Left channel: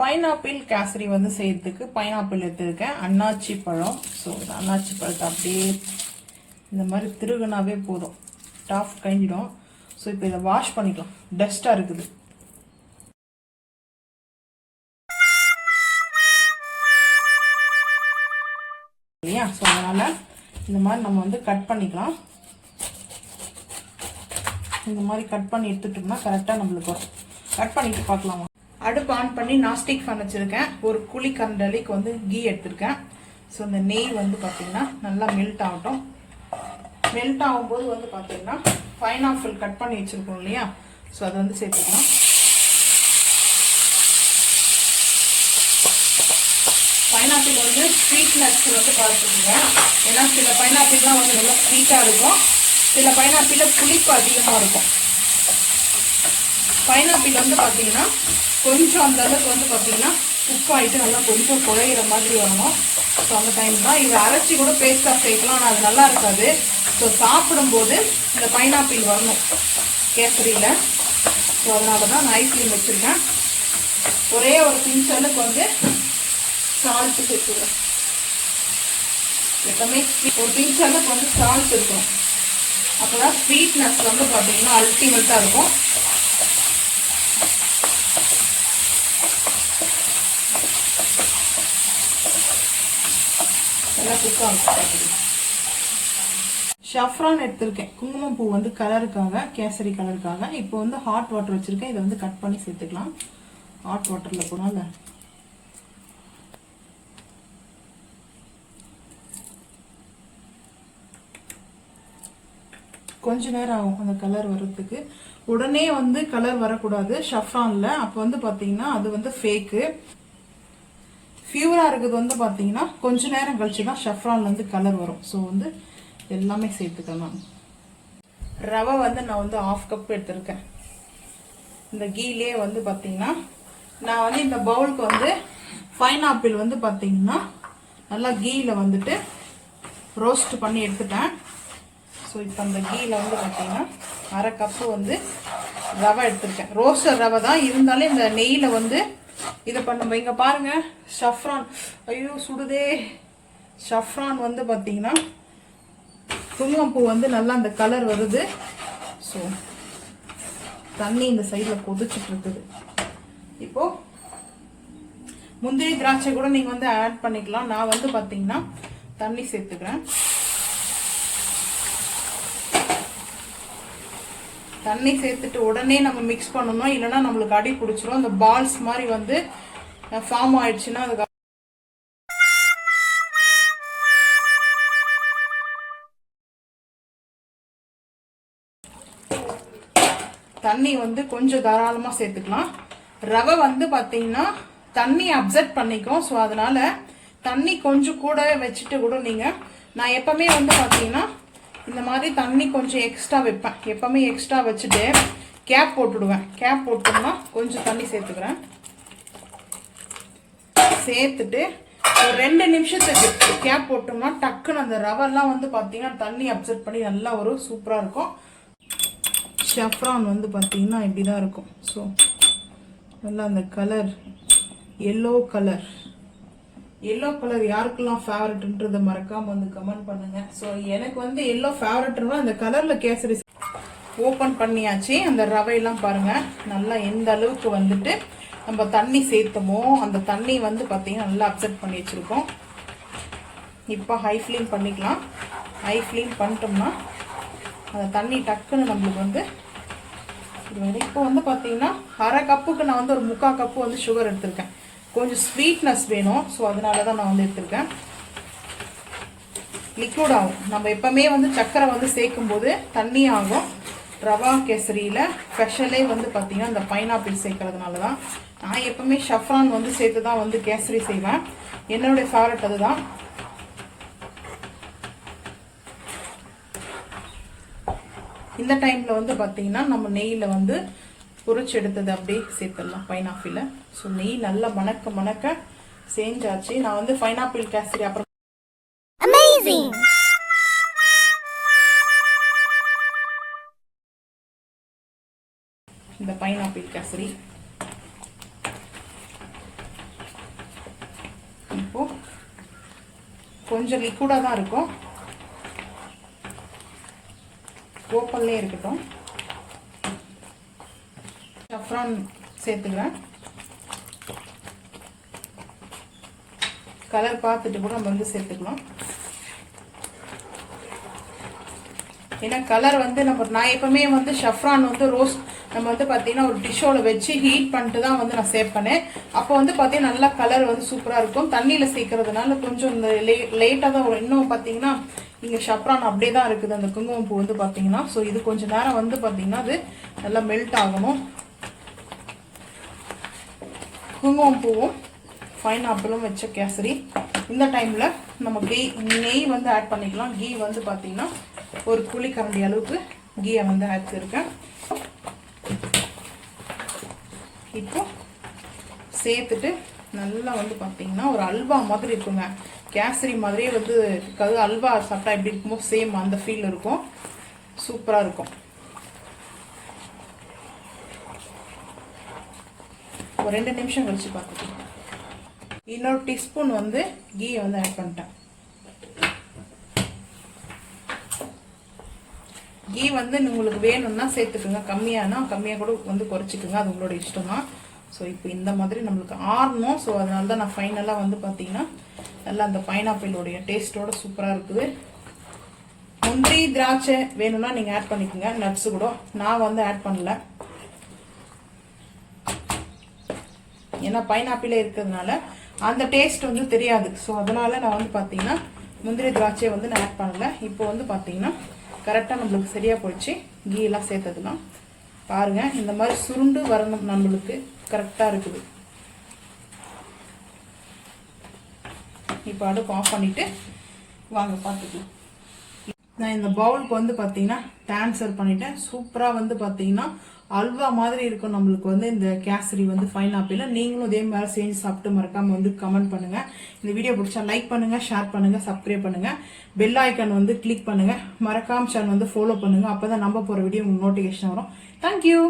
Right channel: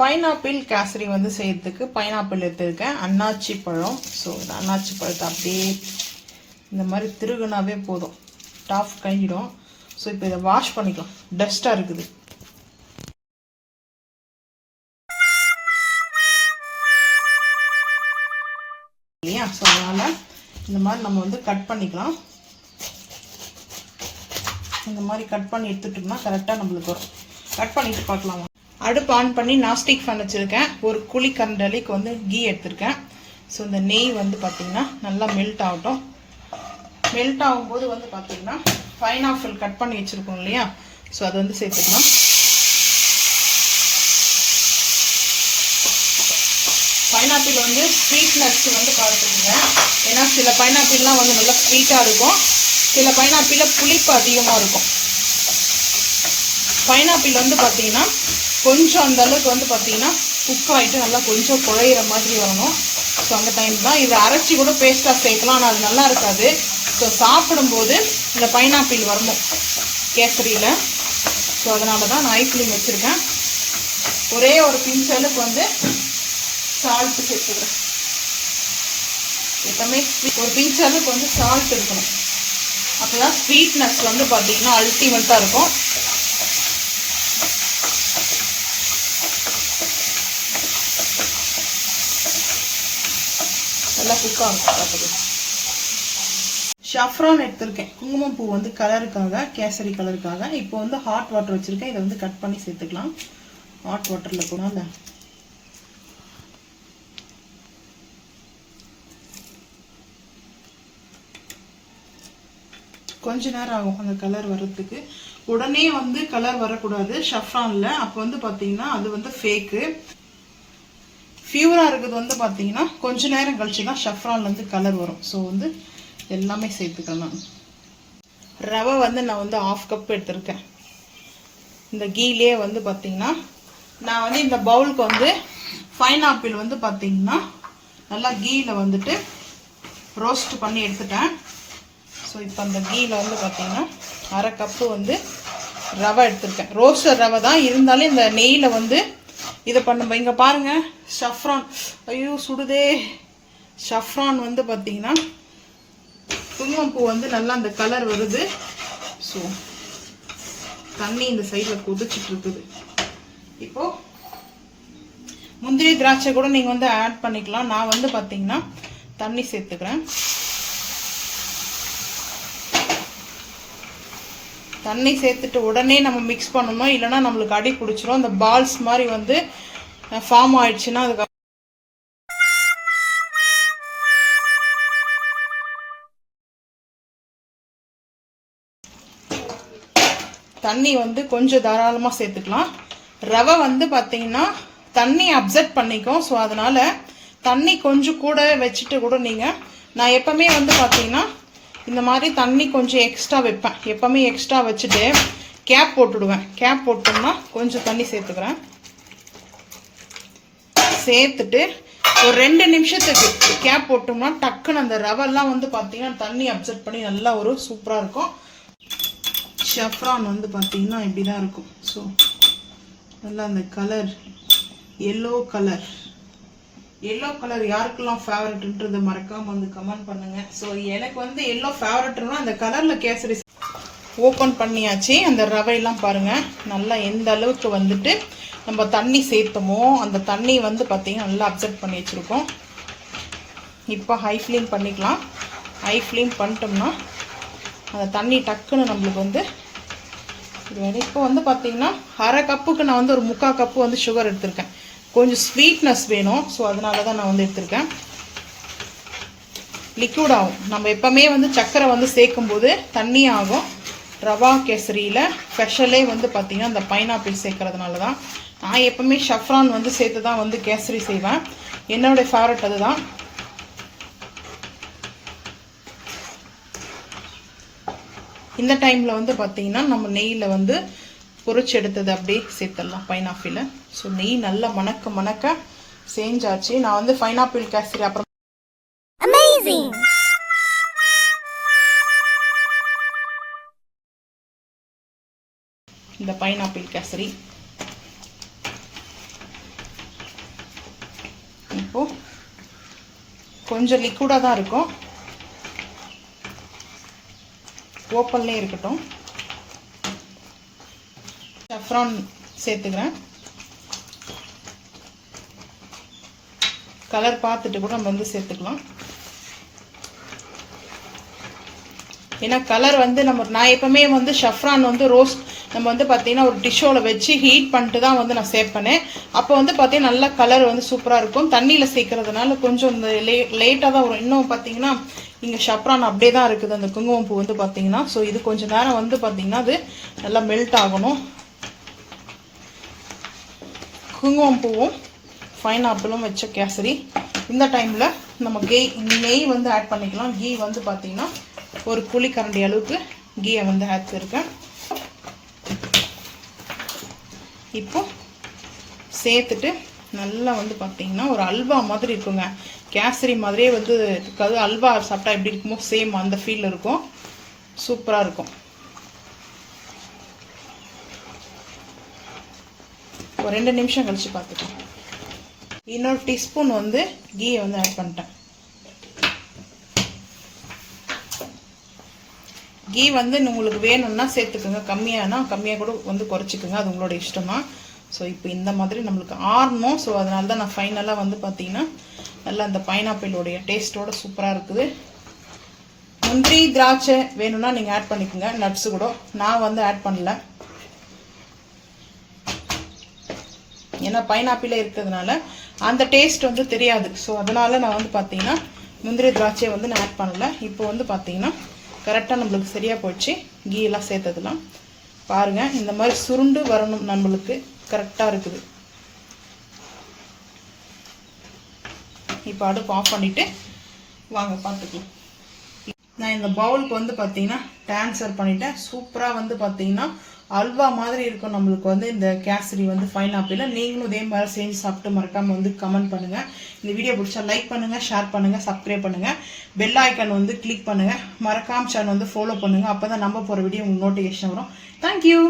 Pineapple kesari வந்து செய்யறதுக்கு pineapple எடுத்துருக்கேன், அன்னாச்சி பழம். ஸோ அன்னாச்சி பழத்தை அப்படியே இந்த மாதிரி திருகுனாவே போதும், டாப் கழிஞ்சிடும். ஸோ இப்போ இதை வாஷ் பண்ணிக்கலாம், டஸ்ட்டாக இருக்குது. இல்லையா? ஸோ அதனால் இந்த மாதிரி நம்ம வந்து கட் பண்ணிக்கலாம். இந்த மாதிரி கட் பண்ணி எடுத்துட்டோம்னா கரெக்டாக நம்மளுக்கு வரும். கட் பண்ணிட்டு பார்க்கலாம். அடுப்பு ஆன் பண்ணி நாஸ்டிக் ஃபேன் வச்சுருக்கேன். ஒரு குழி கரண்டலிக்கு வந்து கீ எடுத்திருக்கேன். ஸோ இந்த நெய் வந்து பார்த்திங்கன்னா நல்லா மெல்ட் ஆகட்டும். மெல்ட் ஆகும்போது வந்து பார்த்திங்கன்னா பைனாப்பிள் கட் பண்ணி வச்சுருக்கோம் இல்லையா, ஸோ அதை வந்து சேர்த்துக்கலாம். பைனாப்பிள் வந்து ஸ்வீட்னஸ் வந்து பார்த்துக்குங்க. ஏன்னா சில பைனாப்பிள்லாம் வந்து நல்லா ஸ்வீட்டாக இருக்கும், சில பைனாப்பிளில் புளிப்பு அதிகமாக இருக்கும். பைனாப்பிள் வந்து பார்த்தீங்கன்னா கொஞ்சம் அந்த அளவுக்கு வந்து பார்த்தீங்கன்னா குக் ஆகிட்டு நல்லா கொஞ்சம் குழையிற மாதிரி வரணும். ஸோ அந்த டைம் தான் இதை அரைச்சி கூட பேஸ்ட்டாக சேர்க்கலாம், ஆனால் அது நல்லா இருக்காது. ஸோ சாப்பிடும்போது இந்த பைனாப்பிள் வரணும் கேசரியில். ஸோ அதனால தான் நான் ஐஸ்கிரீம் வச்சுருக்கேன். ஒரே ஒரு பிஞ்ச் அளவுக்கு வந்து சால்ட்டு சேர்த்துக்கிறேன். எப்பவுமே ஒரு பிஞ்ச் அளவுக்கு வந்து சால்ட் இருக்கணும், அப்போதான் ஸ்வீட்னஸ் வந்து பார்த்தீங்கன்னா அல்டிமேட்டாக இருக்கும். நல்லா குக்காக இருக்கும். ஷஃப்ரான் எடுத்திருக்கேன், குங்குமம் பூ வந்து கலருக்காக, கேசரி கலருக்காக. இப்போ வந்து ஹாட் வாட்டர் வச்சுருக்கேன், இதை வந்து கட் பண்ணி சேர்த்துக்கலாம். ஹாட் வாட்டரில் போனால கொஞ்ச நேரம் ஆகும் அந்த கலர் வர்றதுக்கு. உடனே வந்து கலர் வரக்கூடாது ஷஃப்ரான்ல, அப்போ வந்து பார்த்தீங்கன்னா அது வந்து ஃபேக்கு. ஃபியூராக இருக்குது வந்து பார்த்தீங்கன்னா கொஞ்ச நேரம் கழிச்சு தான் ஷஃப்ரான்லேருந்து கலர் வரும். ஸோ வந்து எல்லாமே சேர்த்துக்கலாம். ரவை வந்து நான் வந்து 1/2 கப் எடுத்திருக்கேன். இந்த கீலே வந்து பார்த்தீங்கன்னா நான் வந்து இந்த பவுலுக்கு வந்து பைனாப்பிள் வந்து பார்த்தீங்கன்னா நல்லா கீயில் வந்துட்டு ரோஸ்ட் பண்ணி எடுத்துட்டேன். ஸோ இப்போ அந்த கீயில் வந்து பார்த்தீங்கன்னா 1/2 கப்பு வந்து ரவை எடுத்திருக்கேன். ரோஸ்டர் ரவை தான் இருந்தாலும் இந்த நெய்யில் வந்து இதை பண்ணும்போது இங்கே பாருங்கள் ஷஃப்ரான், ஐயோ சுடுதே. ஷஃப்ரான் வந்து பார்த்தீங்கன்னா குங்குமப்பூ வந்து நல்லா அந்த கலர் வருது. ஸோ தண்ணி இந்த சைடில் கொதிச்சுட்டு இருக்குது. இப்போது முந்திரி திராட்சை கூட நீங்கள் வந்து ஆட் பண்ணிக்கலாம். நான் வந்து பார்த்தீங்கன்னா தண்ணி சேர்த்துக்கிறேன். தண்ணி சேர்த்துட்டு உடனே நம்ம மிக்ஸ் பண்ணணும், இல்லைன்னா நம்மளுக்கு அடி பிடிச்சிரும். அந்த பால்ஸ் மாதிரி வந்து ஃபார்ம் ஆயிடுச்சுன்னா அதுக்கு தண்ணி வந்து கொஞ்சம் தாராளமாக சேர்த்துக்கலாம். ரவை வந்து பார்த்தீங்கன்னா தண்ணி அப்சர்வ் பண்ணிக்கும். ஸோ அதனால தண்ணி கொஞ்சம் கூடவே வச்சுட்டு கூட நீங்கள், நான் எப்பவுமே வந்து பார்த்தீங்கன்னா இந்த மாதிரி தண்ணி கொஞ்சம் எக்ஸ்ட்ரா வைப்பேன். எப்பவுமே எக்ஸ்ட்ரா வச்சுட்டு கேப் போட்டுடுவேன். கேப் போட்டோம்னா கொஞ்சம் தண்ணி சேர்த்துக்கிறேன். சேர்த்துட்டு ஒரு 2 நிமிஷத்துக்கு கேப் போட்டோம்னா டக்குன்னு அந்த ரவெல்லாம் வந்து பார்த்தீங்கன்னா தண்ணி அப்சர்வ் பண்ணி நல்லா ஒரு சூப்பராக இருக்கும். ஷஃப்ரான் வந்து பார்த்தீங்கன்னா இப்படி தான் இருக்கும். ஸோ நல்லா அந்த கலர் எல்லோ கலர் யாருக்கெல்லாம் ஃபேவரட்ன்றதை மறக்காம வந்து கமெண்ட் பண்ணுங்க. ஸோ எனக்கு வந்து எல்லோ ஃபேவரட்னா அந்த கலர்ல கேசரி ஓப்பன் பண்ணியாச்சு. அந்த ரவையெல்லாம் பாருங்க நல்லா எந்த அளவுக்கு வந்துட்டு நம்ம தண்ணி சேர்த்தோமோ அந்த தண்ணி வந்து பார்த்தீங்கன்னா நல்லா அப்சர்வ் பண்ணி வச்சிருக்கோம். இப்போ ஹை ஃப்ளேம் பண்ணிக்கலாம். ஹை ஃப்ளேம் பண்ணிட்டோம்னா அந்த தண்ணி டக்குன்னு நம்மளுக்கு வந்து இப்போ வந்து பார்த்தீங்கன்னா 1/2 கப்புக்கு நான் வந்து ஒரு 3/4 கப்பு வந்து சுகர் எடுத்திருக்கேன். கொஞ்சம் ஸ்வீட்னஸ் வேணும். ஸோ அதனால தான் நான் வந்து எடுத்திருக்கேன். லிக்விட் ஆகும். நம்ம எப்பவுமே வந்து சர்க்கரை வந்து சேர்க்கும் போது தண்ணி ஆகும். ரவா கேசரியில் ஸ்பெஷலே வந்து பார்த்தீங்கன்னா இந்த பைனாப்பிள் சேர்க்கறதுனால தான். நான் எப்பவுமே ஷஃப்ரான் வந்து சேர்த்து தான் வந்து கேசரி செய்வேன். என்னோடய ஃபேவரட் அதுதான். இந்த டைமில் வந்து பார்த்தீங்கன்னா நம்ம நெய்யில் வந்து பொரிச்சு எடுத்தது அப்படியே சேர்த்துடலாம் பைனாப்பிளை. ஸோ நெய் நல்லா மணக்க செஞ்சாச்சு. நான் வந்து பைனாப்பிள் கேசரி அப்புறம் இந்த பைனாப்பிள் கேசரி இப்போது கொஞ்சம் லிக்விடாக தான் இருக்கும், ஓப்பன்லேயே இருக்கட்டும். சஃப்ரான் சேர்த்துக்கிறேன். கலர் பார்த்துட்டு கூட நம்ம வந்து சேர்த்துக்கலாம். ஏன்னா கலர் வந்து நான் எப்பவுமே வந்து ஷஃப்ரான் வந்து ரோஸ்ட் நம்ம வந்து பார்த்தீங்கன்னா ஒரு டிஷ்ஷோவில் வச்சு ஹீட் பண்ணிட்டு தான் வந்து நான் சேர்ப்பேன். அப்போ வந்து பார்த்தீங்கன்னா நல்லா கலர் வந்து சூப்பராக இருக்கும். தண்ணியில் சேர்க்கறதுனால கொஞ்சம் இந்த லேட்டாக தான் வரும். இன்னும் பார்த்தீங்கன்னா இங்கே ஷஃப்ரான் அப்படியே தான் இருக்குது அந்த குங்குமப்பூ வந்து பார்த்தீங்கன்னா. ஸோ இது கொஞ்சம் நேரம் வந்து பார்த்தீங்கன்னா அது நல்லா மெல்ட் ஆகணும். குங்குமப்பூவும் பைனாப்பிளும் வச்ச கேசரி. இந்த டைமில் நம்ம நெய் வந்து ஆட் பண்ணிக்கலாம். கீ வந்து பார்த்தீங்கன்னா ஒரு குழிக்கரண்டி அளவுக்கு கீயை வந்து ஆட் பண்ணிருக்கேன். இப்போ சேர்த்துட்டு நல்லா வந்து பார்த்தீங்கன்னா ஒரு அல்வா மாதிரி இருக்குங்க. கேசரி மாதிரியே வந்து இருக்காது, அல்வா சாப்பிட்டா எப்படி இருக்குமோ சேம் அந்த ஃபீல் இருக்கும். சூப்பராக இருக்கும். ஒரு 2 நிமிஷம் கழிச்சு பார்த்துக்கலாம். இன்னொரு டீஸ்பூன் வந்து கீயை வந்து ஆட் பண்ணிட்டேன். கீ வந்து உங்களுக்கு வேணும்னா சேர்த்துக்குங்க, கம்மியானா கம்மியாக கூட வந்து குறைச்சிக்குங்க, அது உங்களோட இஷ்டமா. ஸோ இப்போ இந்த மாதிரி நம்மளுக்கு ஆறணும். ஸோ அதனால தான் நான் ஃபைனலாக வந்து பார்த்தீங்கன்னா நல்லா அந்த பைனாப்பிளோடைய டேஸ்ட்டோட சூப்பராக இருக்குது. முந்திரி திராட்சை வேணும்னா நீங்கள் ஆட் பண்ணிக்கோங்க, நட்ஸு கூட. நான் வந்து ஆட் பண்ணல, ஏன்னா பைனாப்பிளே இருக்கிறதுனால அந்த டேஸ்ட் வந்து தெரியாது. ஸோ அதனால நான் வந்து பார்த்தீங்கன்னா முந்திரி திராட்சையை வந்து நான் ஆட் பண்ணல. இப்போ வந்து பார்த்தீங்கன்னா கரெக்டாக நம்மளுக்கு சரியாக போயிடுச்சு. கீ எல்லாம் சேர்த்ததுலாம் பாருங்கள், இந்த மாதிரி சுருண்டு வரணும், நம்மளுக்கு கரெக்டாக இருக்குது. இப்போ அடுப்பு ஆஃப் பண்ணிவிட்டு வாங்க பார்த்துக்கலாம். நான் இந்த பவுலுக்கு வந்து பார்த்தீங்கன்னா ட்ரான்ஸ்ஃபர் பண்ணிட்டேன். சூப்பராக வந்து பார்த்தீங்கன்னா அல்வா மாதிரி இருக்கும் நம்மளுக்கு வந்து இந்த கேசரி வந்து பைனாப்பிள். நீங்களும் இதே மாதிரி செஞ்சு சாப்பிட்டு மறக்காமல் வந்து கமெண்ட் பண்ணுங்கள். இந்த வீடியோ பிடிச்சா லைக் பண்ணுங்கள், ஷேர் பண்ணுங்கள், சப்ஸ்கிரைப் பண்ணுங்கள், பெல் ஐக்கான் வந்து கிளிக் பண்ணுங்கள். மறக்காம சேனல் வந்து ஃபாலோ பண்ணுங்கள். அப்போ தான் நம்ம போகிற வீடியோ உங்களுக்கு நோட்டிஃபிகேஷன் வரும். தேங்க்யூ.